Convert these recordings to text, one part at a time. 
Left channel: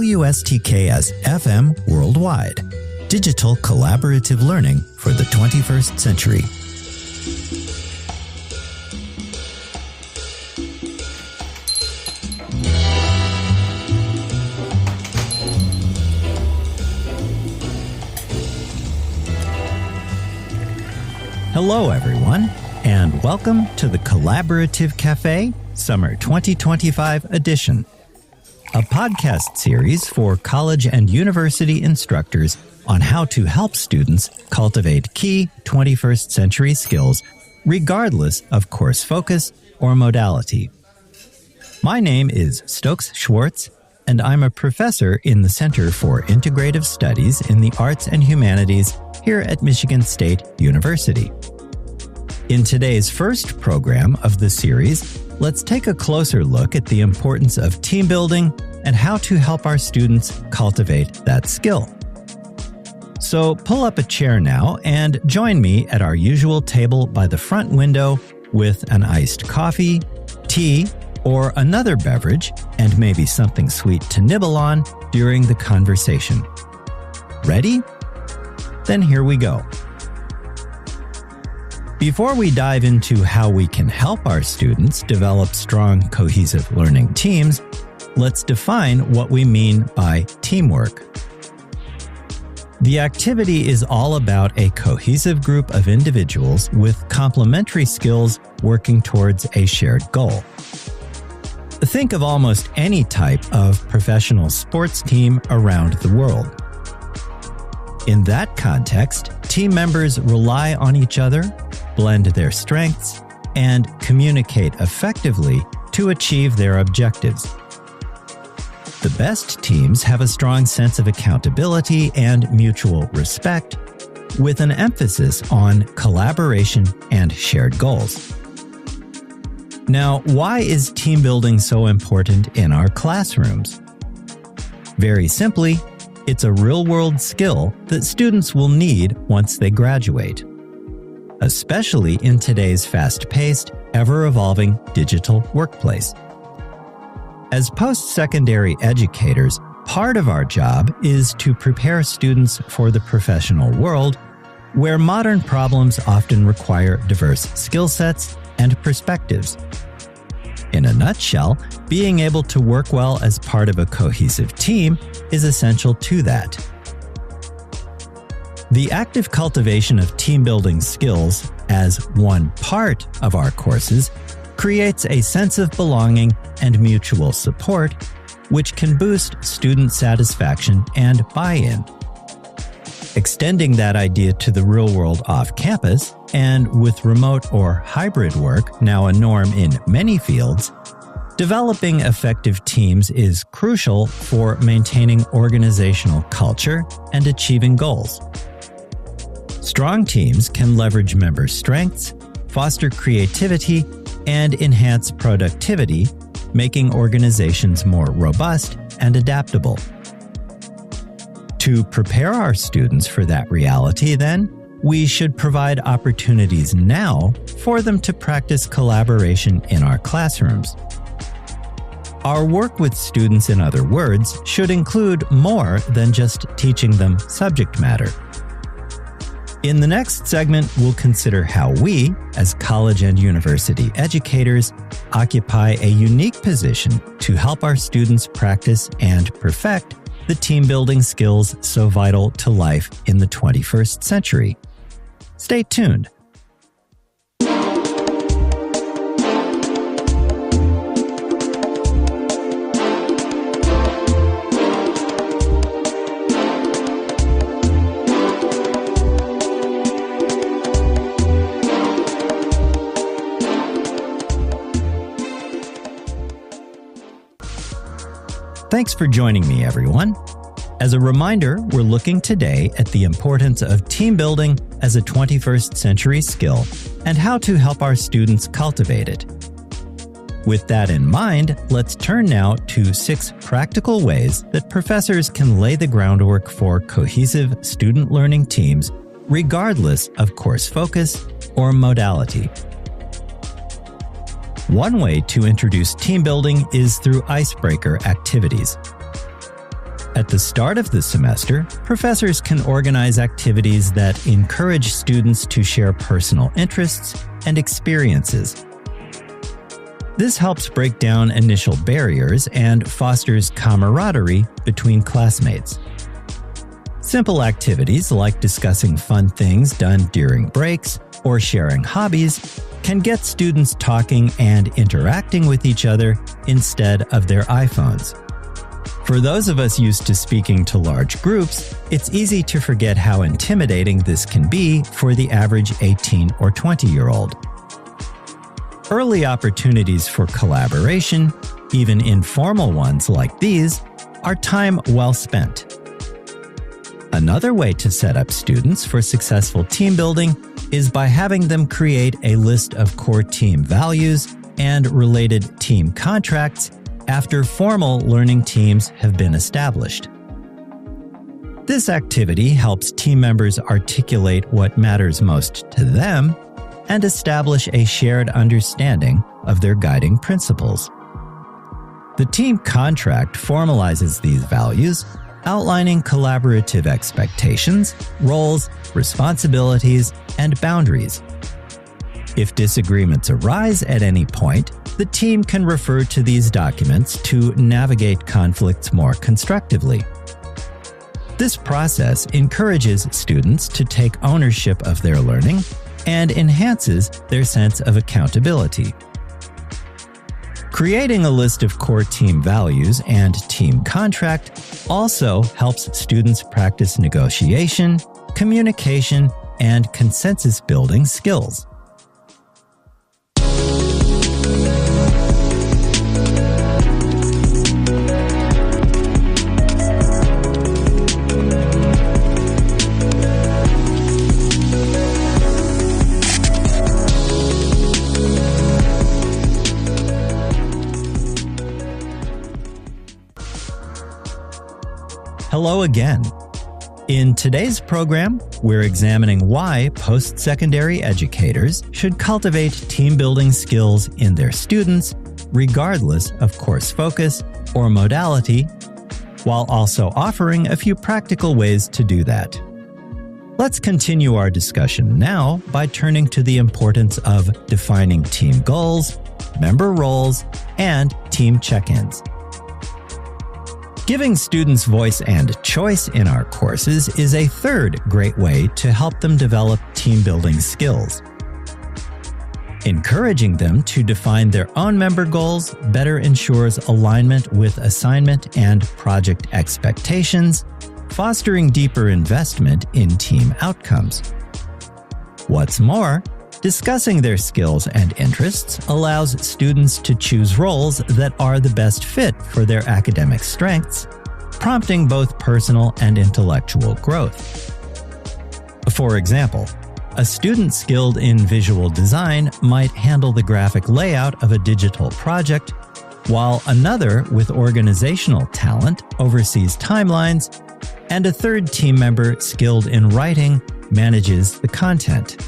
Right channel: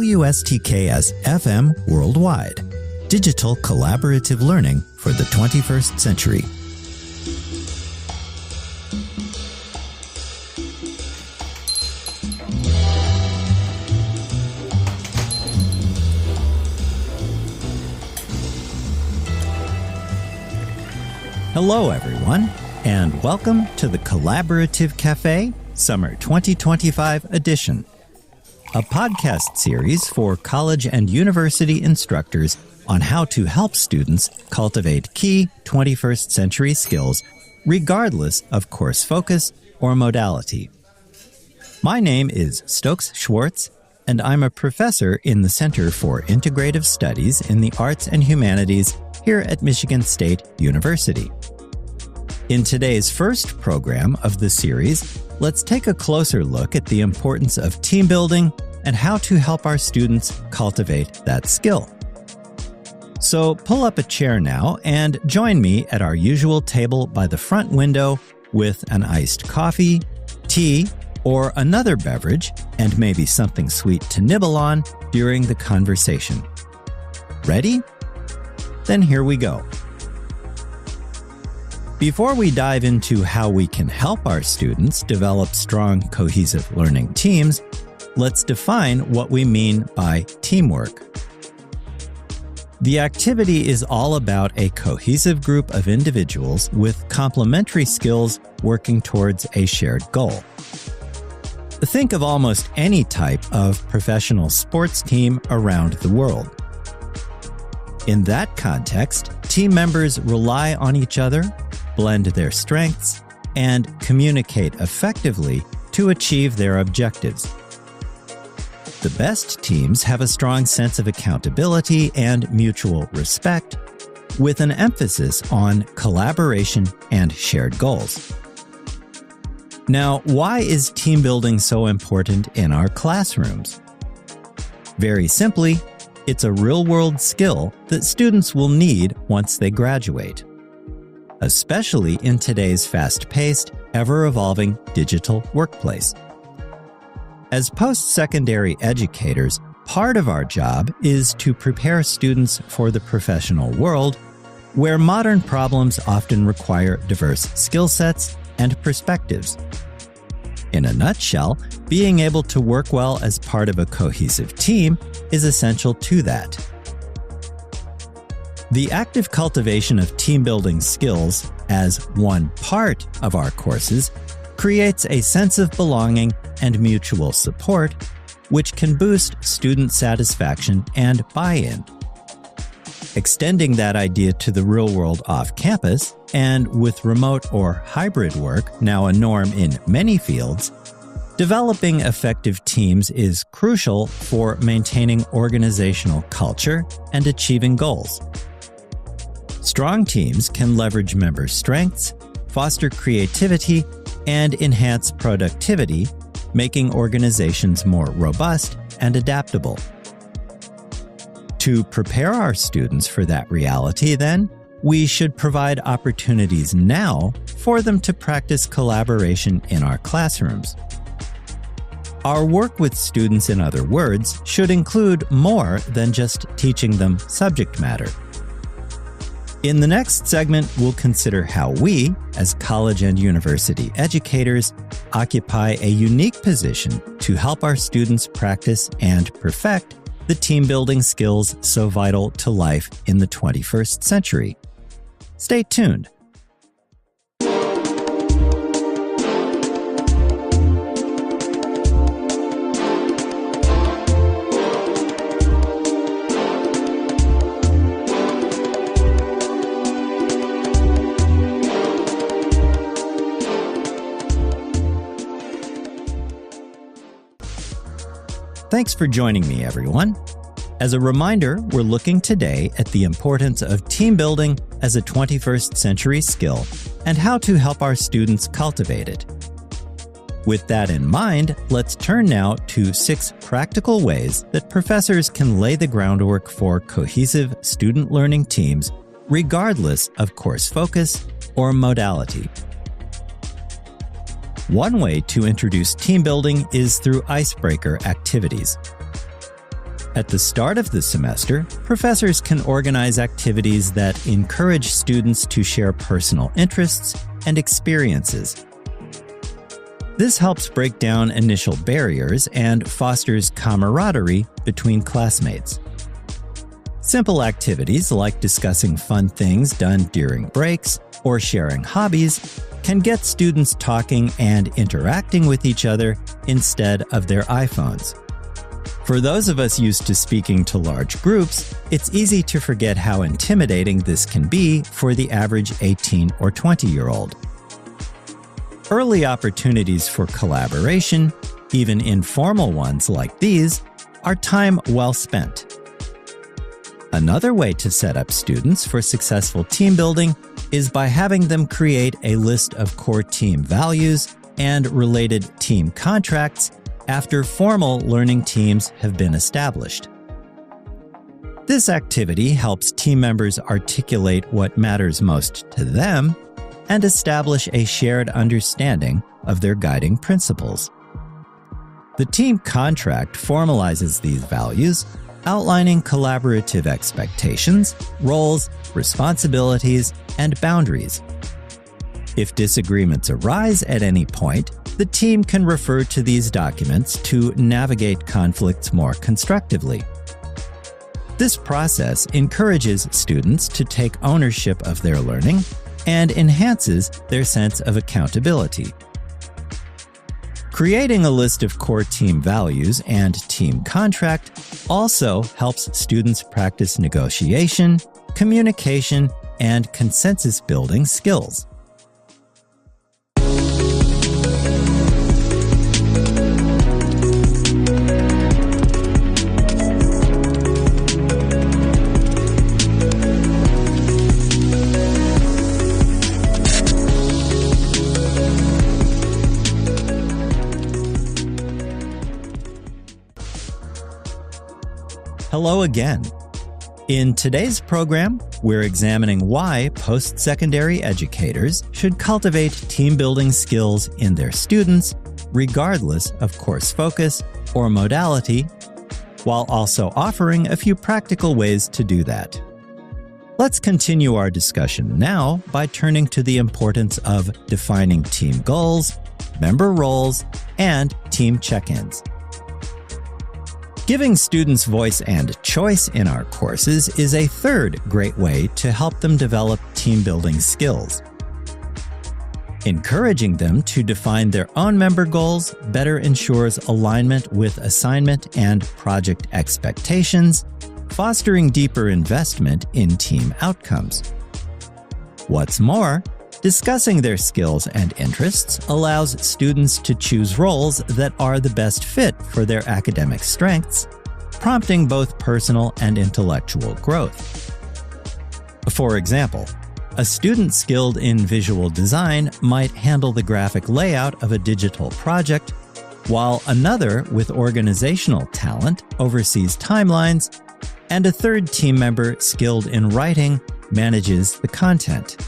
WSTKS-FM Worldwide. Digital collaborative learning for the 21st century. Hello, everyone, and welcome to the Collaborative Café Summer 2025 edition, a podcast series for college and university instructors on how to help students cultivate key 21st century skills regardless of course focus or modality. My name is Stokes Schwartz, and I'm a professor in the Center for Integrative Studies in the Arts and Humanities here at Michigan State University. In today's first program of the series, let's take a closer look at the importance of team building and how to help our students cultivate that skill. So pull up a chair now and join me at our usual table by the front window with an iced coffee, tea, or another beverage, and maybe something sweet to nibble on during the conversation. Ready? Then here we go. Before we dive into how we can help our students develop strong, cohesive learning teams, let's define what we mean by teamwork. The activity is all about a cohesive group of individuals with complementary skills working towards a shared goal. Think of almost any type of professional sports team around the world. In that context, team members rely on each other, blend their strengths, and communicate effectively to achieve their objectives. The best teams have a strong sense of accountability and mutual respect, with an emphasis on collaboration and shared goals. Now, why is team building so important in our classrooms? Very simply, it's a real-world skill that students will need once they graduate, especially in today's fast-paced, ever-evolving digital workplace. As post-secondary educators, part of our job is to prepare students for the professional world, where modern problems often require diverse skill sets and perspectives. In a nutshell, being able to work well as part of a cohesive team is essential to that. The active cultivation of team-building skills as one part of our courses creates a sense of belonging and mutual support, which can boost student satisfaction and buy-in. Extending that idea to the real world off campus, and with remote or hybrid work now a norm in many fields, developing effective teams is crucial for maintaining organizational culture and achieving goals. Strong teams can leverage member strengths, foster creativity, and enhance productivity, making organizations more robust and adaptable. To prepare our students for that reality, then, we should provide opportunities now for them to practice collaboration in our classrooms. Our work with students, in other words, should include more than just teaching them subject matter. In the next segment, we'll consider how we, as college and university educators, occupy a unique position to help our students practice and perfect the team-building skills so vital to life in the 21st century. Stay tuned. Thanks for joining me, everyone. As a reminder, we're looking today at the importance of team building as a 21st century skill and how to help our students cultivate it. With that in mind, let's turn now to 6 practical ways that professors can lay the groundwork for cohesive student learning teams, regardless of course focus or modality. One way to introduce team building is through icebreaker activities. At the start of the semester, professors can organize activities that encourage students to share personal interests and experiences. This helps break down initial barriers and fosters camaraderie between classmates. Simple activities like discussing fun things done during breaks or sharing hobbies can get students talking and interacting with each other instead of their iPhones. For those of us used to speaking to large groups, it's easy to forget how intimidating this can be for the average 18 or 20-year-old. Early opportunities for collaboration, even informal ones like these, are time well spent. Another way to set up students for successful team building is by having them create a list of core team values and related team contracts after formal learning teams have been established. This activity helps team members articulate what matters most to them and establish a shared understanding of their guiding principles. The team contract formalizes these values, outlining collaborative expectations, roles, responsibilities, and boundaries. If disagreements arise at any point, the team can refer to these documents to navigate conflicts more constructively. This process encourages students to take ownership of their learning and enhances their sense of accountability. Creating a list of core team values and team contract also helps students practice negotiation, communication, and consensus-building skills. Hello again. In today's program, we're examining why post-secondary educators should cultivate team-building skills in their students, regardless of course focus or modality, while also offering a few practical ways to do that. Let's continue our discussion now by turning to the importance of defining team goals, member roles, and team check-ins. Giving students voice and choice in our courses is a third great way to help them develop team-building skills. Encouraging them to define their own member goals better ensures alignment with assignment and project expectations, fostering deeper investment in team outcomes. What's more, discussing their skills and interests allows students to choose roles that are the best fit for their academic strengths, prompting both personal and intellectual growth. For example, a student skilled in visual design might handle the graphic layout of a digital project, while another with organizational talent oversees timelines, and a third team member skilled in writing manages the content.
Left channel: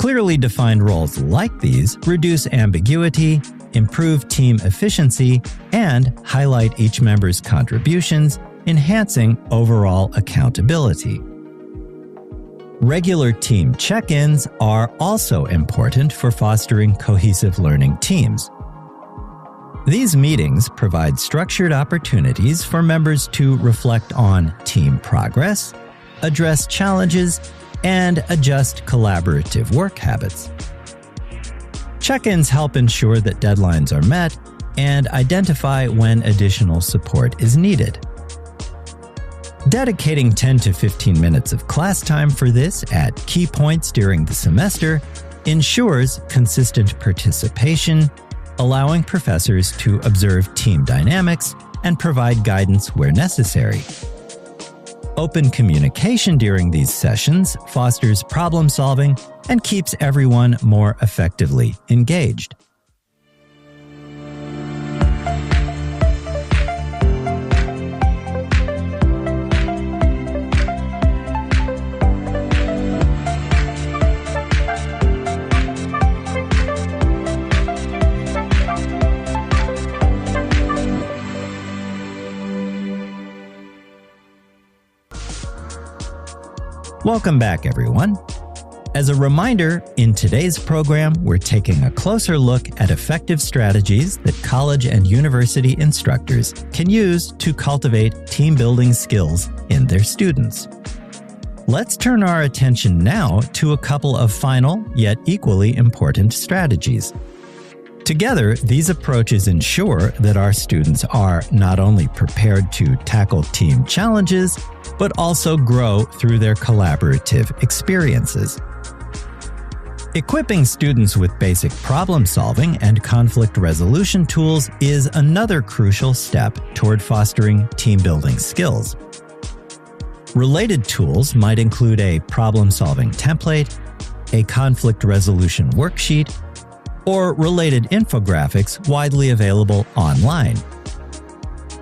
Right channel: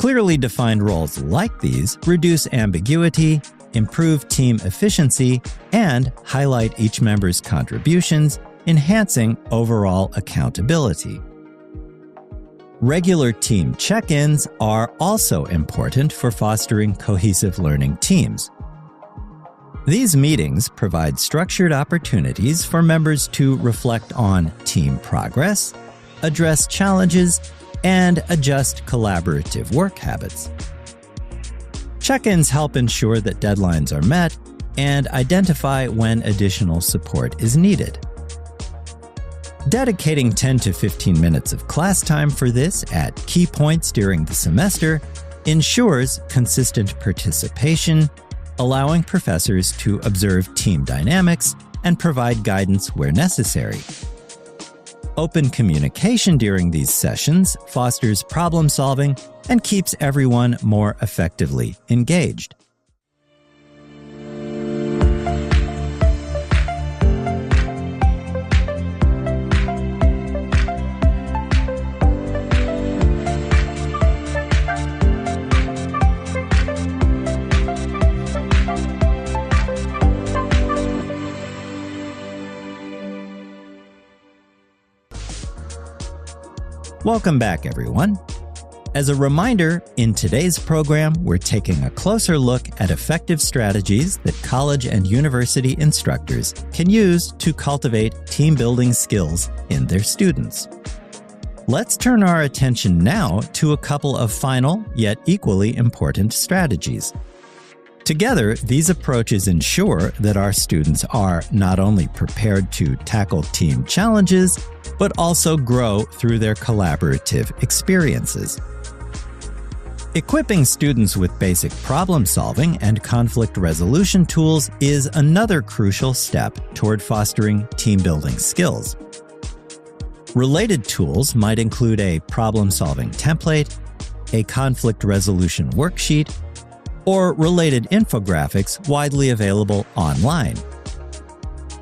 Clearly defined roles like these reduce ambiguity, improve team efficiency, and highlight each member's contributions, enhancing overall accountability. Regular team check-ins are also important for fostering cohesive learning teams. These meetings provide structured opportunities for members to reflect on team progress, address challenges, and adjust collaborative work habits. Check-ins help ensure that deadlines are met and identify when additional support is needed. Dedicating 10 to 15 minutes of class time for this at key points during the semester ensures consistent participation, allowing professors to observe team dynamics and provide guidance where necessary. Open communication during these sessions fosters problem solving and keeps everyone more effectively engaged. Welcome back, everyone. As a reminder, in today's program, we're taking a closer look at effective strategies that college and university instructors can use to cultivate team-building skills in their students. Let's turn our attention now to a couple of final, yet equally important strategies. Together, these approaches ensure that our students are not only prepared to tackle team challenges, but also grow through their collaborative experiences. Equipping students with basic problem-solving and conflict resolution tools is another crucial step toward fostering team-building skills. Related tools might include a problem-solving template, a conflict resolution worksheet, or related infographics widely available online.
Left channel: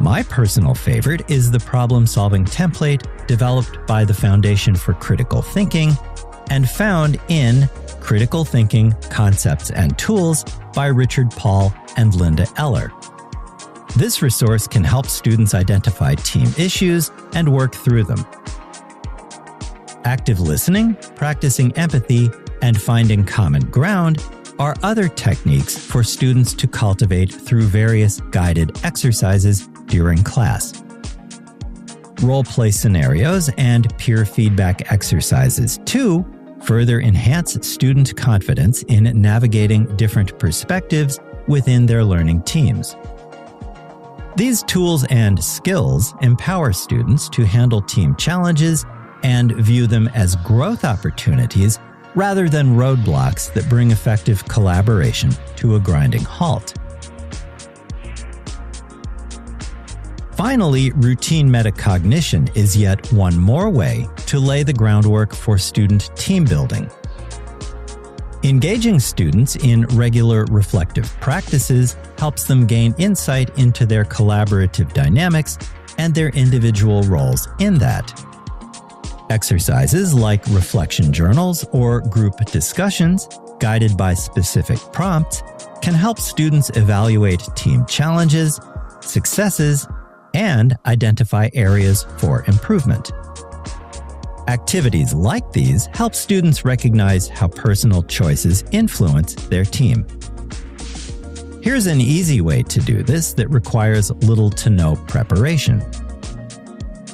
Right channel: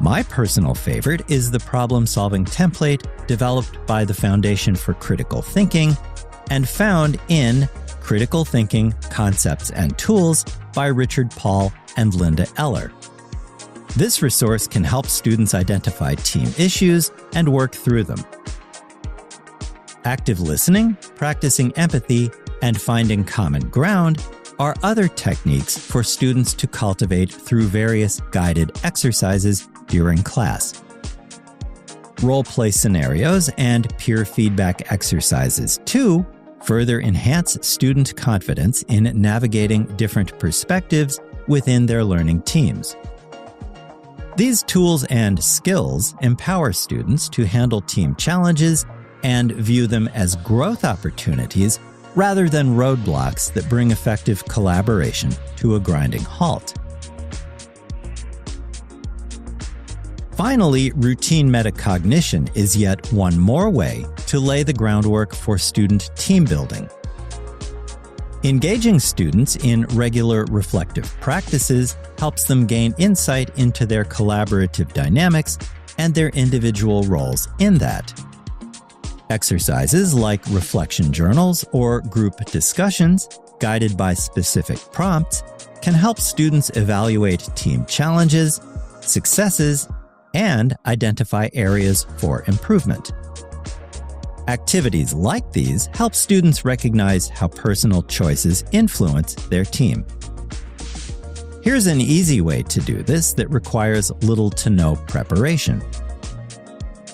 My personal favorite is the problem-solving template developed by the Foundation for Critical Thinking and found in Critical Thinking Concepts and Tools by Richard Paul and Linda Eller. This resource can help students identify team issues and work through them. Active listening, practicing empathy, and finding common ground are other techniques for students to cultivate through various guided exercises during class. Role-play scenarios and peer feedback exercises, too, further enhance student confidence in navigating different perspectives within their learning teams. These tools and skills empower students to handle team challenges and view them as growth opportunities rather than roadblocks that bring effective collaboration to a grinding halt. Finally, routine metacognition is yet one more way to lay the groundwork for student team building. Engaging students in regular reflective practices helps them gain insight into their collaborative dynamics and their individual roles in that. Exercises like reflection journals or group discussions, guided by specific prompts, can help students evaluate team challenges, successes, and identify areas for improvement. Activities like these help students recognize how personal choices influence their team. Here's an easy way to do this that requires little to no preparation.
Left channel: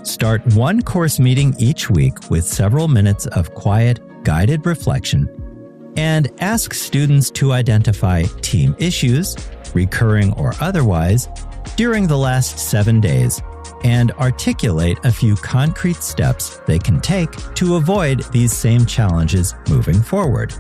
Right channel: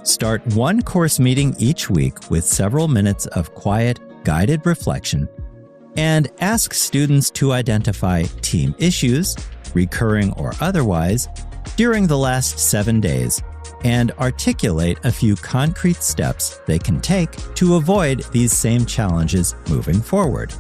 Start one course meeting each week with several minutes of quiet, guided reflection, and ask students to identify team issues, recurring or otherwise, during the last 7 days, and articulate a few concrete steps they can take to avoid these same challenges moving forward.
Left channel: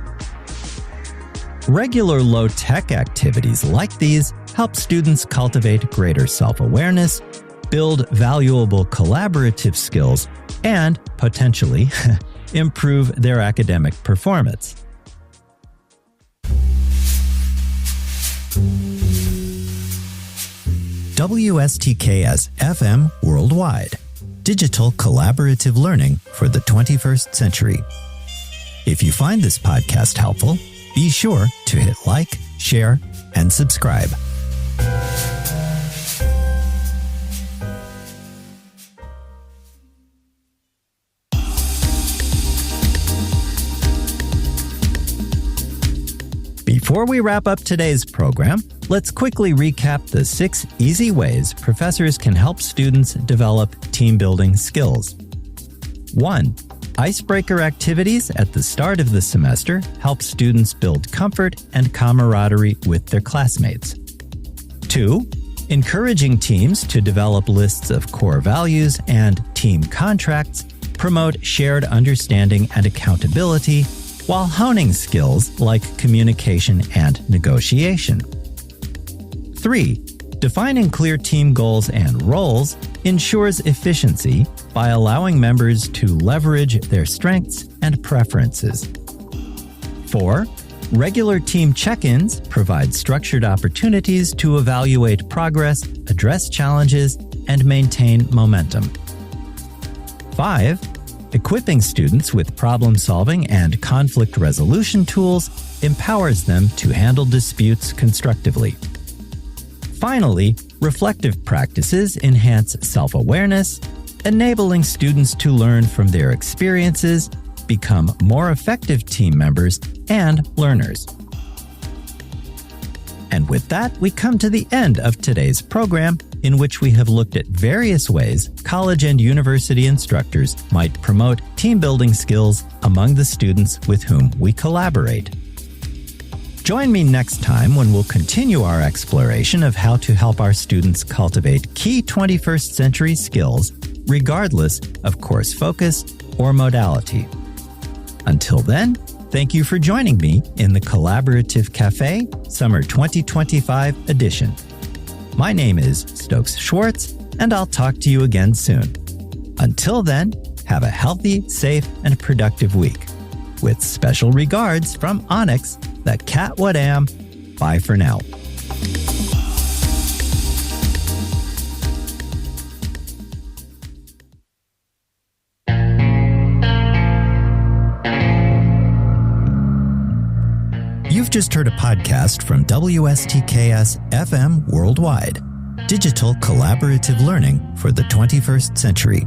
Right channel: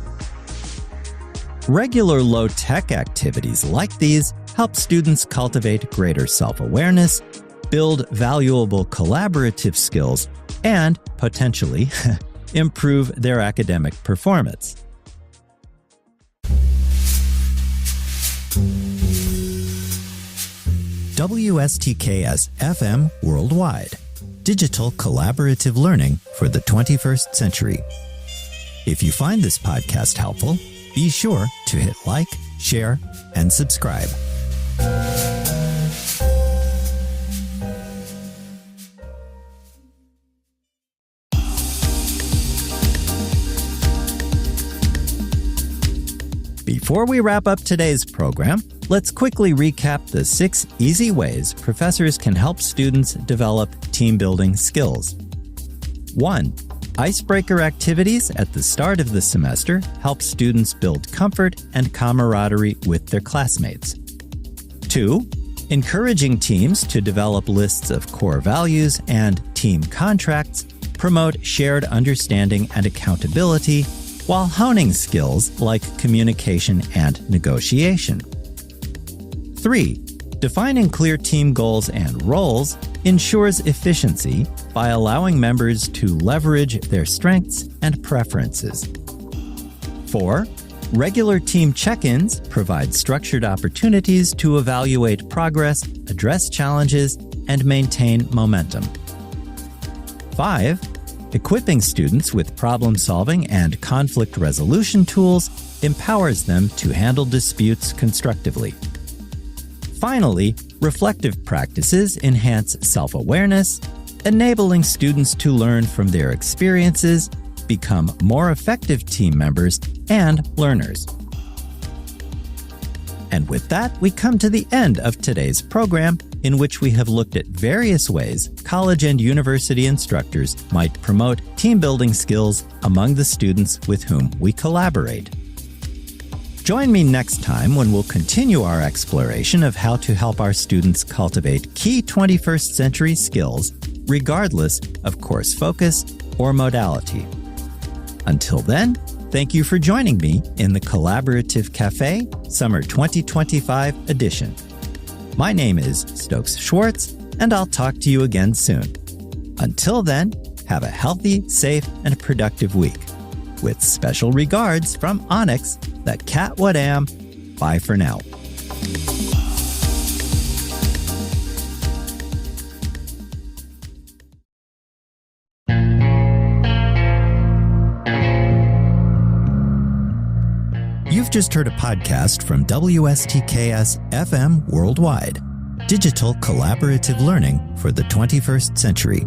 Regular low-tech activities like these help students cultivate greater self-awareness, build valuable collaborative skills, and, potentially, improve their academic performance. WSTKS-FM Worldwide. Digital collaborative learning for the 21st century. If you find this podcast helpful, be sure to hit like, share, and subscribe. Before we wrap up today's program, let's quickly recap the 6 easy ways professors can help students develop team-building skills. 1. Icebreaker activities at the start of the semester help students build comfort and camaraderie with their classmates. 2. Encouraging teams to develop lists of core values and team contracts promote shared understanding and accountability while honing skills like communication and negotiation. 3. Defining clear team goals and roles ensures efficiency by allowing members to leverage their strengths and preferences. 4. Regular team check-ins provide structured opportunities to evaluate progress, address challenges, and maintain momentum. 5. Equipping students with problem-solving and conflict resolution tools empowers them to handle disputes constructively. Finally, reflective practices enhance self-awareness, enabling students to learn from their experiences become more effective team members and learners. And with that, we come to the end of today's program, in which we have looked at various ways college and university instructors might promote team-building skills among the students with whom we collaborate. Join me next time when we'll continue our exploration of how to help our students cultivate key 21st century skills, regardless of course focus or modality. Until then, thank you for joining me in the Collaborative Café Summer 2025 edition. My name is Stokes Schwartz, and I'll talk to you again soon. Until then, have a healthy, safe, and productive week. With special regards from Onyx, the cat what am. Bye for now. You've just heard a podcast from WSTKS-FM Worldwide, digital collaborative learning for the 21st century.